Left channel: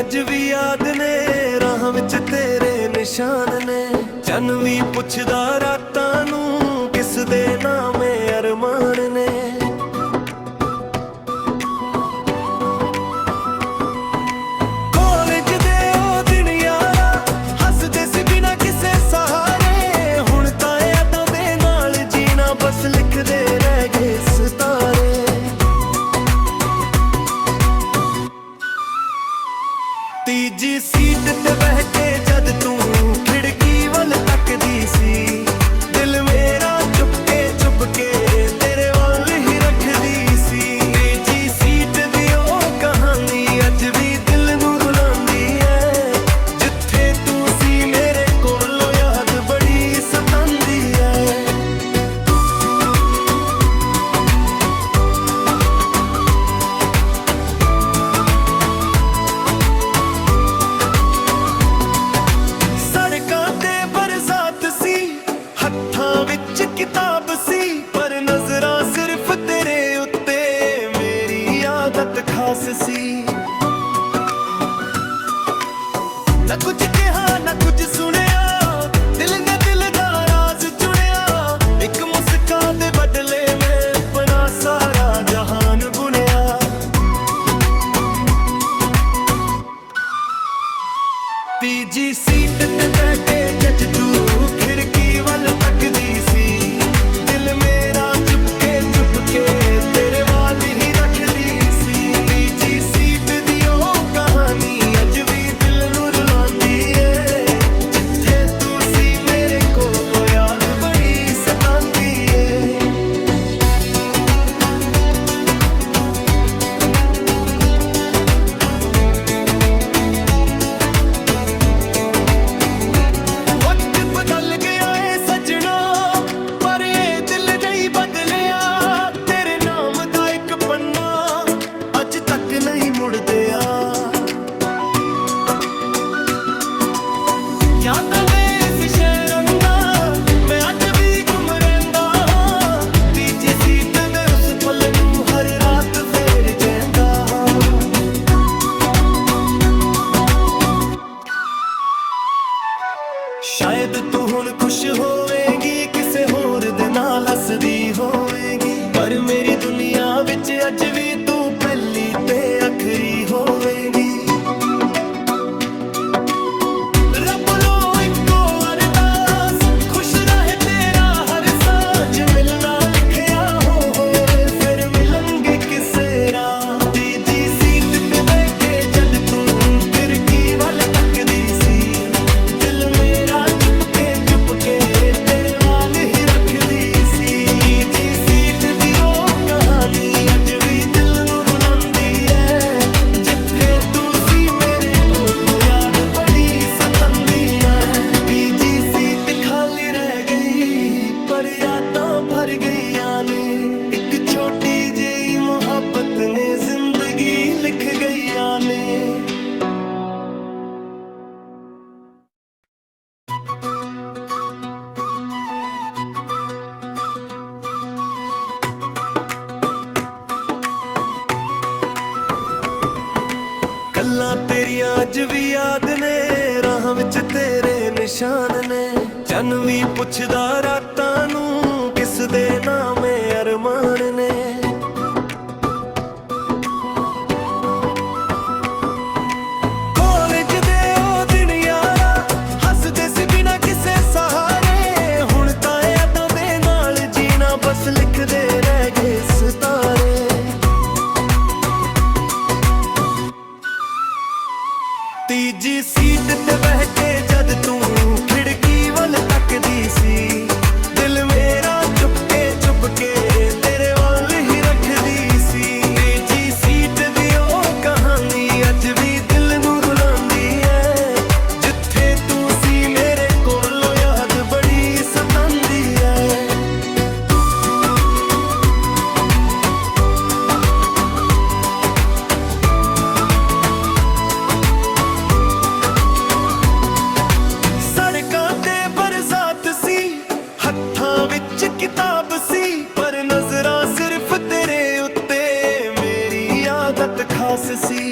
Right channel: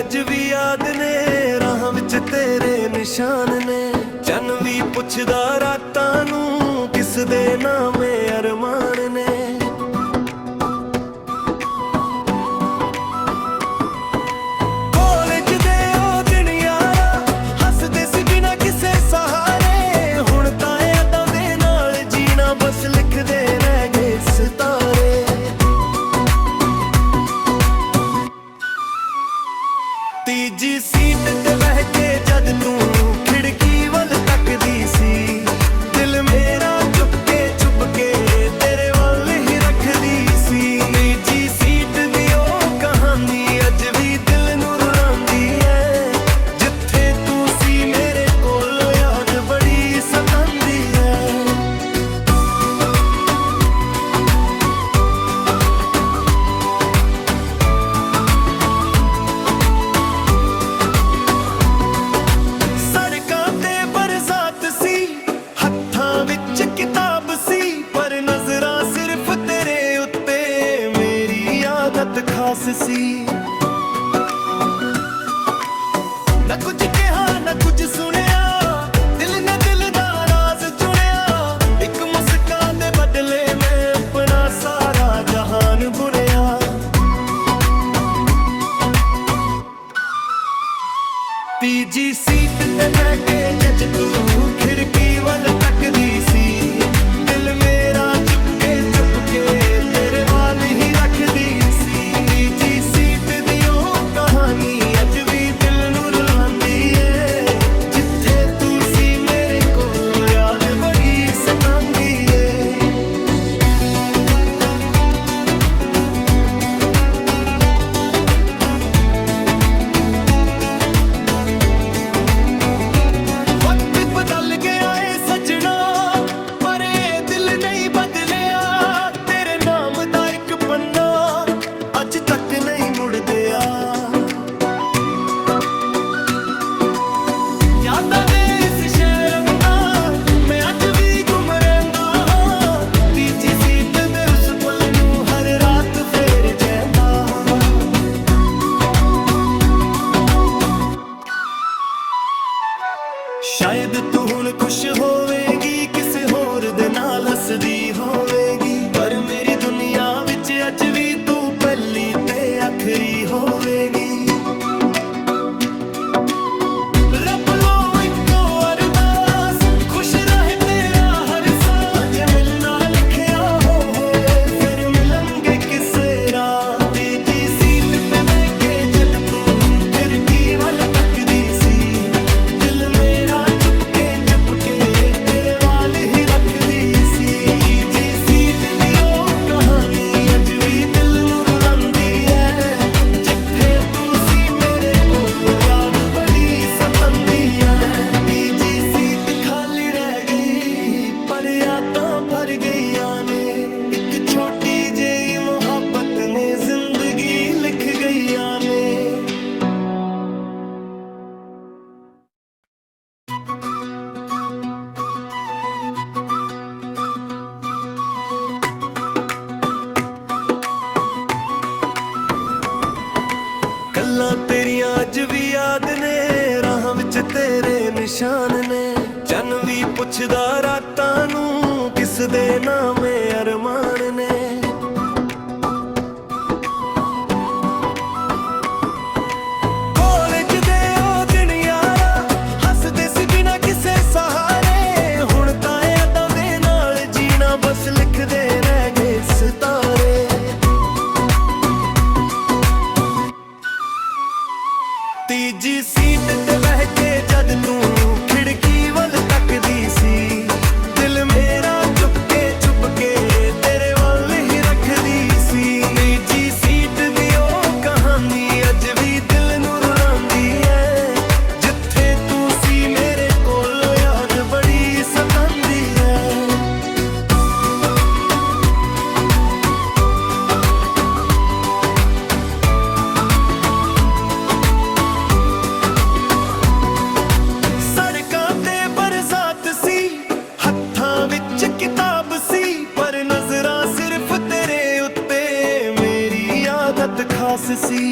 अज भी याद ने राह विच तेरे निशान ने। चन भी पुछदा रातां नूं किस दे नामे अरमान ने। कॉलेज दे ओ दिन यारा हसदे सी बिना किसे सहारे। हुण तां यादां दे नाल जीना बस लिखदे रह गए सितारे। तीजी सीट ते बह के जद तू खिड़की वल तकदी सी, दिल मेरा चुपके तेरे वल ही रखदी सी। तीजी सीट दी ओ कहानी अज भी दिल नूं रुलांदी है। जिथे तू सी मेरे कोलों याद बड़ी सतांदी है। किताब सी पर नजरा सिर्फ तेरे उत्ते मेरी आदत खास सी। न कुछ कहा न कुछ सुनिया दिल ने दिल दा राज चुनिया। एक मुस्कान दे बदले में अपना सारा जहान बुनिया। तीजी सीट ते बह के जज तू खिड़की वल तकदी सी, दिल मेरा चुपके तेरे वाल ही रखदी सी। तीजी सीट दी ओ कहानी अज भी दिल नूं रुलांदी है। जिथे तू सी मेरे कोलों याद बड़ी सतांदी है। अज तक नहीं मुड़दे यादां दे इस शहर अंदर मैं अज भी घुम रहिंदा। तीजी सीट दे उस पल नूं हर रात फेर जांदा। शायद तू हुण खुश होवेगी किसे होर दे नाल हसदी होवेगी, पर मेरी दुनिया विच अज भी तू पहली ते आखरी होवेगी। रब लो इको अरदास खुश रहे तेरा हर साज। मिलना लिखिया होए फिर मिलेंगे किसे राह। तीजी सीट पे बह के जद तू खिड़की वल तकदी सी, दिल मेरा चुपके तेरे वाल ही रखदी सी। तीजी सीट दी ओ कहानी अज भी दिल नूं रुलांदी है। जिथे तू सी मेरे कोलों याद बड़ी सतांदी है। तीजी सीट खाली रह गई पर यादां भर गईयां ने। एक छोटी जेही मोहब्बत ने जिंदगी लिख गईयां ने। गल्लां तेरियां अज भी याद ने राह विच तेरे निशान ने। चन भी पुछदा रातां नूं किस दे नामे अरमान ने। कॉलेज दे ओ दिन यारा हसदे सी बिना किसे सहारे। हुण तां यादां दे नाल जीना बस लिखदे रह गए सितारे। तीजी सीट ते बह के जद तू खिड़की वल तकदी सी, दिल मेरा चुपके तेरे वल ही रखदी सी। तीजी सीट दी ओ कहानी अज भी दिल नूं रुलांदी है। जिथे तू सी मेरे कोलों याद बड़ी सतांदी है। किताब सी पर नजरा सिर्फ तेरे उत्ते मेरी आदत खास सी।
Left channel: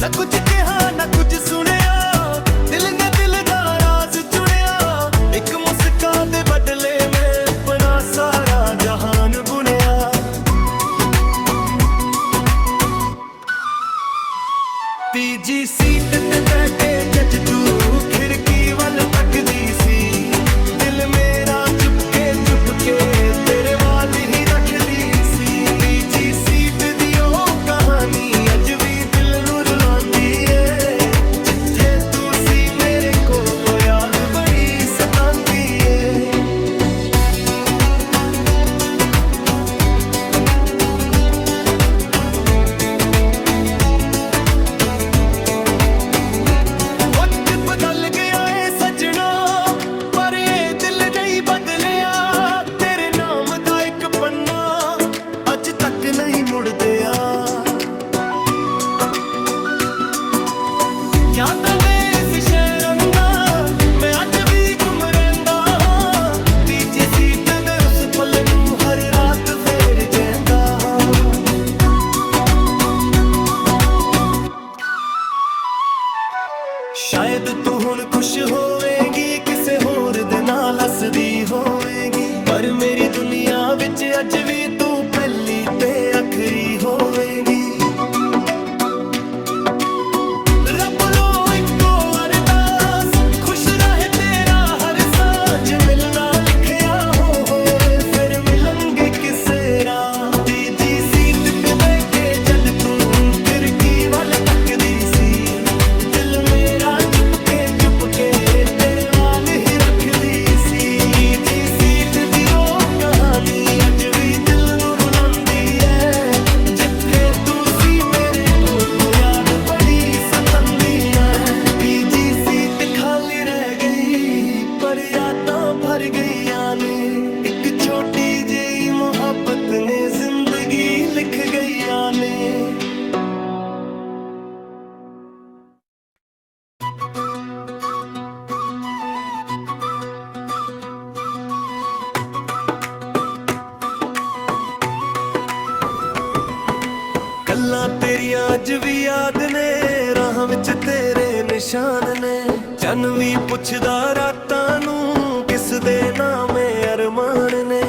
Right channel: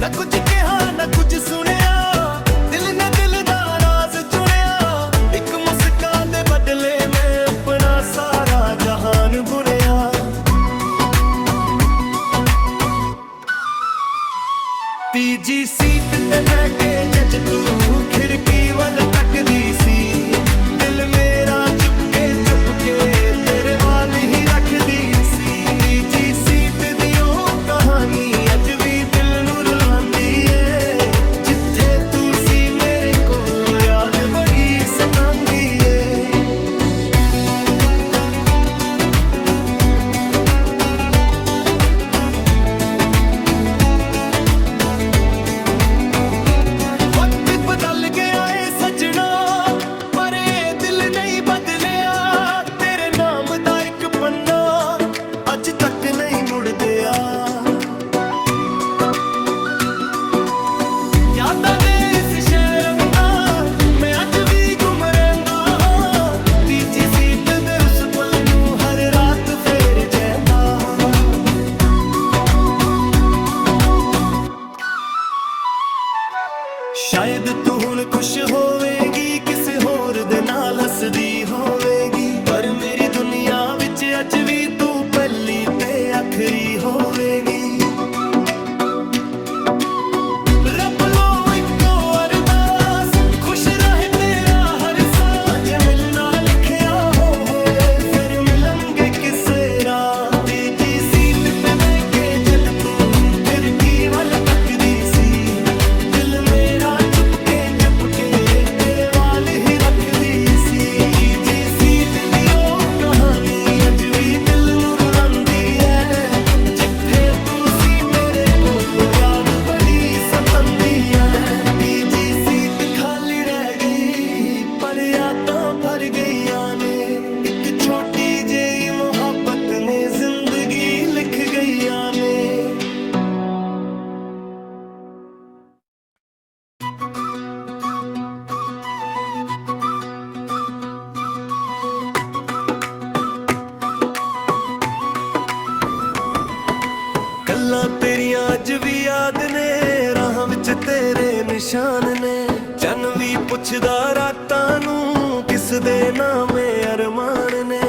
ਨਾ ਕੁਝ ਕਿਹਾ ਨਾ ਕੁਝ ਸੁਣਿਆ, ਦਿਲ ਨੇ ਦਿਲ ਦਾ ਰਾਜ਼ ਚੁਣਿਆ। ਇੱਕ ਮੁਸਕਾਨ ਦੇ ਬਦਲੇ ਮੈਂ ਆਪਣਾ ਸਾਰਾ ਜਹਾਨ ਬੁਣਿਆ। ਤੀਜੀ ਸੀਟ ਤੇ ਬਹਿ ਕੇ ਜੱਜ ਤੂੰ ਖਿੜਕੀ ਵੱਲ ਤੱਕਦੀ ਸੀ, ਦਿਲ ਮੇਰਾ ਚੁੱਪ ਕੇ ਤੇਰੇ ਵੱਲ ਹੀ ਰੱਖਦੀ ਸੀ। ਤੀਜੀ ਸੀਟ ਦੀ ਉਹ ਕਹਾਣੀ ਅੱਜ ਵੀ ਦਿਲ ਨੂੰ ਰੁਲਾਉਂਦੀ ਏ, ਜਿੱਥੇ ਤੂੰ ਸੀ ਮੇਰੇ ਕੋਲ ਯਾਦ ਬੜੀ ਸਤਾਉਂਦੀ ਏ। ਵਕਤ ਬਦਲ ਗਿਆ ਏ ਸੱਜਣਾ, ਪਰ ਇਹ ਦਿਲ ਨਹੀਂ ਬਦਲਿਆ। ਤੇਰੇ ਨਾਮ ਦਾ ਇੱਕ ਪੰਨਾ ਅੱਜ ਤੱਕ ਨਹੀਂ ਮੁੜਦਿਆ। ਯਾਦਾਂ ਦੇ ਇਸ ਸ਼ਹਿਰ ਅੰਦਰ ਮੈਂ ਅੱਜ ਵੀ ਘੁੰਮ ਰਹਿੰਦਾ ਹਾਂ। ਤੀਜੀ ਸੀਟ ਦੇ ਉਸ ਪਲ ਨੂੰ ਹਰ ਰਾਤ ਫੇਰ ਜਾਂਦਾ ਹਾਂ। ਸ਼ਾਇਦ ਤੂੰ ਹੁਣ ਖੁਸ਼ ਹੋਵੇਂਗੀ, ਕਿਸੇ ਹੋਰ ਦੇ ਨਾਲ ਹੱਸਦੀ ਹੋਵੇਂਗੀ, ਪਰ ਮੇਰੀ ਦੁਨੀਆ ਵਿੱਚ ਅੱਜ ਵੀ ਤੂੰ ਪਹਿਲੀ ਤੇ ਆਖਰੀ ਹੋਵੇਂਗੀ। ਰੱਬ ਲੋ ਇੱਕੋ ਅਰਦਾਸ, ਖੁਸ਼ ਰਹੇ ਤੇਰਾ ਹਰ ਸਾਜ, ਮਿਲਣਾ ਲਿਖਿਆ ਹੋਵੇ ਫਿਰ ਮਿਲਾਂਗੇ ਕਿਸੇ ਰਾਹ। ਤੀਜੀ ਸੀਟ ਤੇ ਬਹਿ ਕੇ ਜਦ ਤੂੰ ਖਿੜਕੀ ਵੱਲ ਤੱਕਦੀ ਸੀ, ਦਿਲ ਮੇਰਾ ਚੁੱਪ ਕੇ ਤੇਰੇ ਵੱਲ ਹੀ ਰੱਖਦੀ ਸੀ। ਤੀਜੀ ਸੀਟ ਦੀ ਉਹ ਕਹਾਣੀ ਅੱਜ ਵੀ ਦਿਲ ਨੂੰ ਰੁਲਾਉਂਦੀ ਏ, ਜਿੱਥੇ ਤੂੰ ਸੀ ਮੇਰੇ ਕੋਲ ਯਾਦ ਬੜੀ ਸਤਾਉਂਦੀ ਏ। ਤੀਜੀ ਸੀਟ ਖਾਲੀ ਰਹਿ ਗਈ ਪਰ ਯਾਦਾਂ ਭਰ ਗਈਆਂ ਨੇ, ਇੱਕ ਛੋਟੀ ਜਿਹੀ ਮੁਹੱਬਤ ਨੇ ਜ਼ਿੰਦਗੀ ਲਿਖ ਗਈਆਂ ਨੇ। ਗੱਲਾਂ ਤੇਰੀਆਂ ਅੱਜ ਵੀ ਯਾਦ ਨੇ, ਰਾਹਾਂ ਵਿੱਚ ਤੇਰੇ ਨਿਸ਼ਾਨ ਨੇ। ਚੰਨ ਵੀ ਪੁੱਛਦਾ ਰਾਤਾਂ ਨੂੰ ਕਿਸ ਦੇ ਨਾਮੇ ਅਰਮਾਨ ਨੇ।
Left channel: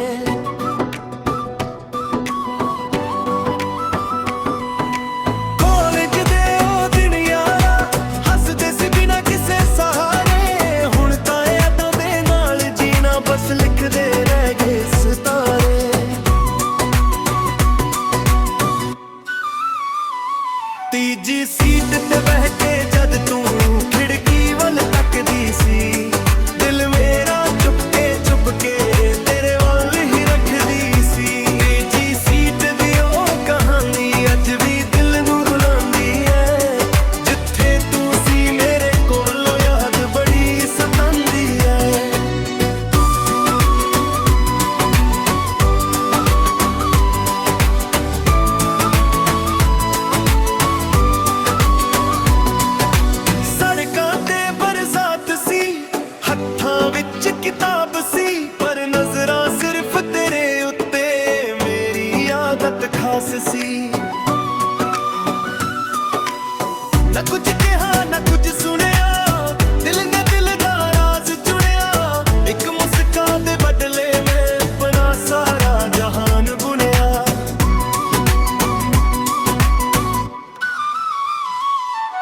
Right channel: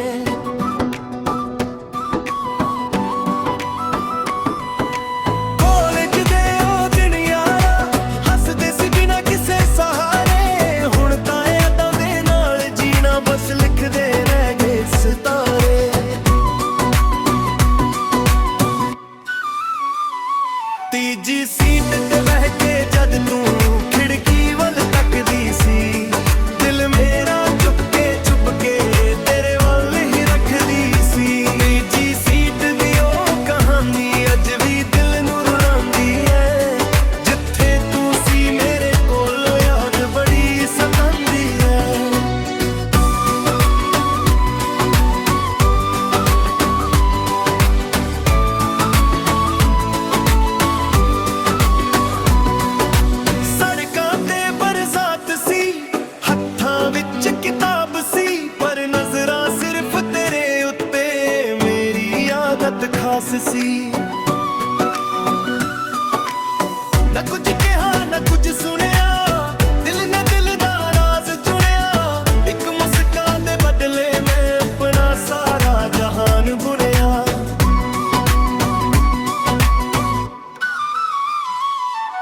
ਕਾਲਜ ਦੇ ਉਹ ਦਿਨ ਯਾਰਾ ਹੱਸਦੇ ਸੀ ਬਿਨਾਂ ਕਿਸੇ ਸਹਾਰੇ, ਹੁਣ ਤਾਂ ਯਾਦਾਂ ਦੇ ਨਾਲ ਜੀਣਾ ਬਸ ਲਿਖਦੇ ਰਹਿ ਗਏ ਸਿਤਾਰੇ। ਤੀਜੀ ਸੀਟ ਤੇ ਬਹਿ ਕੇ ਜਦ ਤੂੰ ਖਿੜਕੀ ਵੱਲ ਤੱਕਦੀ ਸੀ, ਦਿਲ ਮੇਰਾ ਚੁੱਪ ਕੇ ਤੇਰੇ ਵੱਲ ਹੀ ਰੱਖਦੀ ਸੀ। ਤੀਜੀ ਸੀਟ ਦੀ ਉਹ ਕਹਾਣੀ ਅੱਜ ਵੀ ਦਿਲ ਨੂੰ ਰੁਲਾਉਂਦੀ ਏ, ਜਿੱਥੇ ਤੂੰ ਸੀ ਮੇਰੇ ਕੋਲ ਯਾਦ ਬੜੀ ਸਤਾਉਂਦੀ ਏ। ਕਿਤਾਬ ਸੀ ਪਰ ਨਜ਼ਰਾਂ ਸਿਰਫ ਤੇਰੇ ਉੱਤੇ, ਮੇਰੀ ਆਦਤ ਖਾਸ ਸੀ। ਨਾ ਕੁਝ ਕਿਹਾ ਨਾ ਕੁਝ ਸੁਣਿਆ, ਦਿਲ ਨੇ ਦਿਲ ਦਾ ਰਾਜ਼ ਚੁਣਿਆ। ਇੱਕ ਮੁਸਕਾਨ ਦੇ ਬਦਲੇ ਮੈਂ ਆਪਣਾ ਸਾਰਾ ਜਹਾਨ ਬੁਣਿਆ।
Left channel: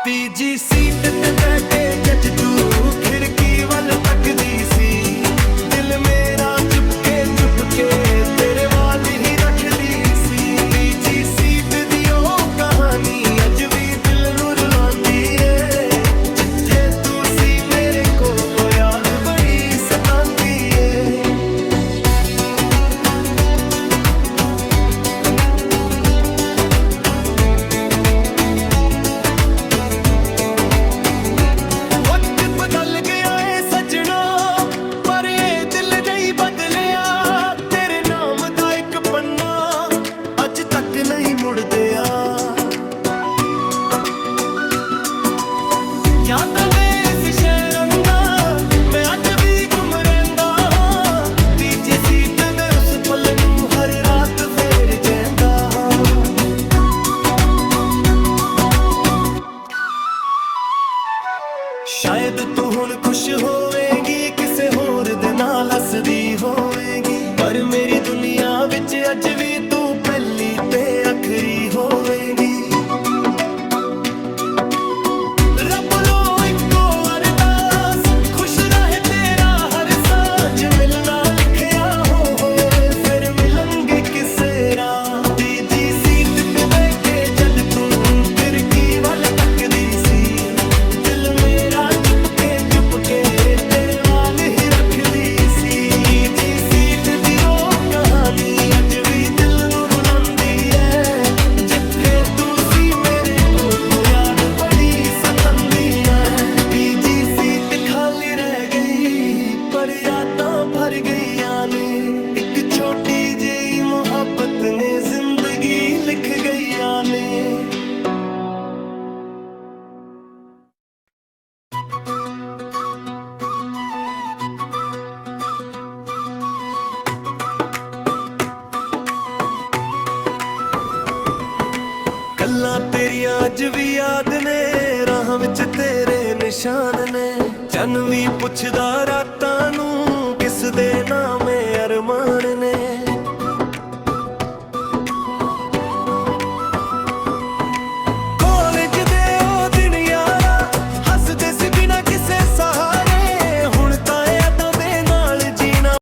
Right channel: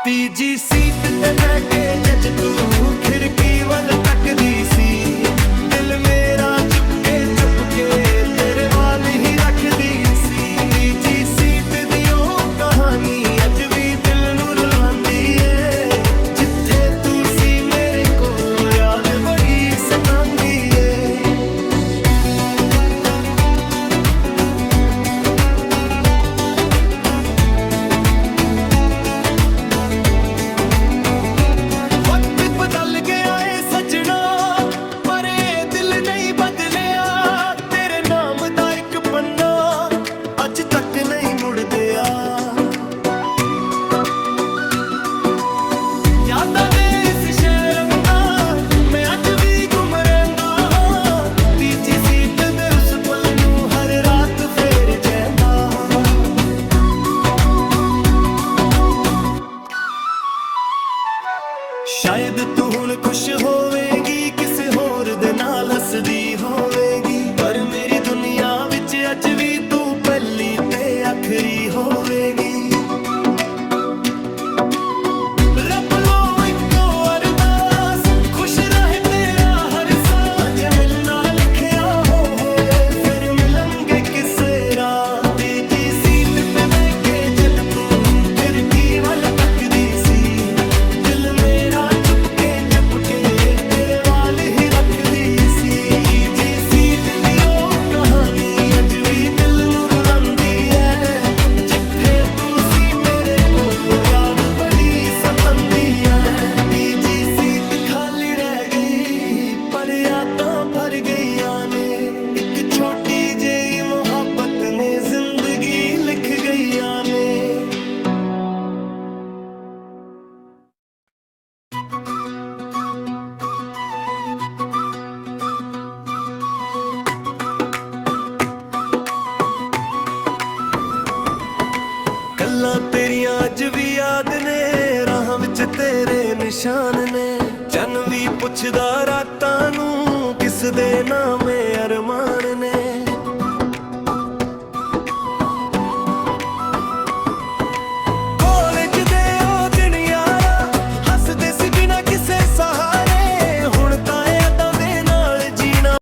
ਤੀਜੀ ਸੀਟ ਤੇ ਬਹਿ ਕੇ ਜੱਜ ਤੂੰ ਖਿੜਕੀ ਵੱਲ ਤੱਕਦੀ ਸੀ, ਦਿਲ ਮੇਰਾ ਚੁੱਪ ਕੇ ਤੇਰੇ ਵੱਲ ਹੀ ਰੱਖਦੀ ਸੀ। ਤੀਜੀ ਸੀਟ ਦੀ ਉਹ ਕਹਾਣੀ ਅੱਜ ਵੀ ਦਿਲ ਨੂੰ ਰੁਲਾਉਂਦੀ ਏ, ਜਿੱਥੇ ਤੂੰ ਸੀ ਮੇਰੇ ਕੋਲ ਯਾਦ ਬੜੀ ਸਤਾਉਂਦੀ ਏ। ਤੱਕ ਨਹੀਂ ਮੁੜਦਿਆ। ਯਾਦਾਂ ਦੇ ਇਸ ਸ਼ਹਿਰ ਅੰਦਰ ਮੈਂ ਅੱਜ ਵੀ ਘੁੰਮ ਰਹਿੰਦਾ ਹਾਂ। ਤੀਜੀ ਸੀਟ ਦੇ ਉਸ ਪਲ ਨੂੰ ਹਰ ਰਾਤ ਫੇਰ ਜਾਂਦਾ ਹਾਂ। ਸ਼ਾਇਦ ਤੂੰ ਹੁਣ ਖੁਸ਼ ਹੋਵੇਂਗੀ, ਕਿਸੇ ਹੋਰ ਦੇ ਨਾਲ ਹੱਸਦੀ ਹੋਵੇਂਗੀ, ਪਰ ਮੇਰੀ ਦੁਨੀਆ ਵਿੱਚ ਅੱਜ ਵੀ ਤੂੰ ਪਹਿਲੀ ਤੇ ਆਖਰੀ ਹੋਵੇਂਗੀ। ਰੱਬ ਲੋ ਇੱਕੋ ਅਰਦਾਸ, ਖੁਸ਼ ਰਹੇ ਤੇਰਾ ਹਰ ਸਾਜ, ਮਿਲਣਾ ਲਿਖਿਆ ਹੋਵੇ ਫਿਰ ਮਿਲਾਂਗੇ ਕਿਸੇ ਰਾਹ। ਤੀਜੀ ਸੀਟ ਤੇ ਬਹਿ ਕੇ ਜਦ ਤੂੰ ਖਿੜਕੀ ਵੱਲ ਤੱਕਦੀ ਸੀ, ਦਿਲ ਮੇਰਾ ਚੁੱਪ ਕੇ ਤੇਰੇ ਵਾਲ ਹੀ ਰੱਖਦੀ ਸੀ। ਤੀਜੀ ਸੀਟ ਦੀ ਉਹ ਕਹਾਣੀ ਅੱਜ ਵੀ ਦਿਲ ਨੂੰ ਰੁਲਾਉਂਦੀ ਹੈ, ਜਿੱਥੇ ਤੂੰ ਸੀ ਮੇਰੇ ਕੋਲ ਯਾਦ ਬੜੀ ਸਤਾਉਂਦੀ ਹੈ। ਤੀਜੀ ਸੀਟ ਖਾਲੀ ਰਹਿ ਗਈ ਪਰ ਯਾਦਾਂ ਭਰ ਗਈਆਂ ਨੇ, ਇੱਕ ਛੋਟੀ ਜਿਹੀ ਮੁਹੱਬਤ ਨੇ ਜ਼ਿੰਦਗੀ ਲਿਖ ਗਈਆਂ ਨੇ। ਗੱਲਾਂ ਤੇਰੀਆਂ ਅੱਜ ਵੀ ਯਾਦ ਨੇ, ਰਾਹਾਂ ਵਿੱਚ ਤੇਰੇ ਨਿਸ਼ਾਨ ਨੇ, ਚੰਨ ਵੀ ਪੁੱਛਦਾ ਰਾਤਾਂ ਨੂੰ ਕਿਸ ਦੇ ਨਾਮੇ ਅਰਮਾਨ ਨੇ।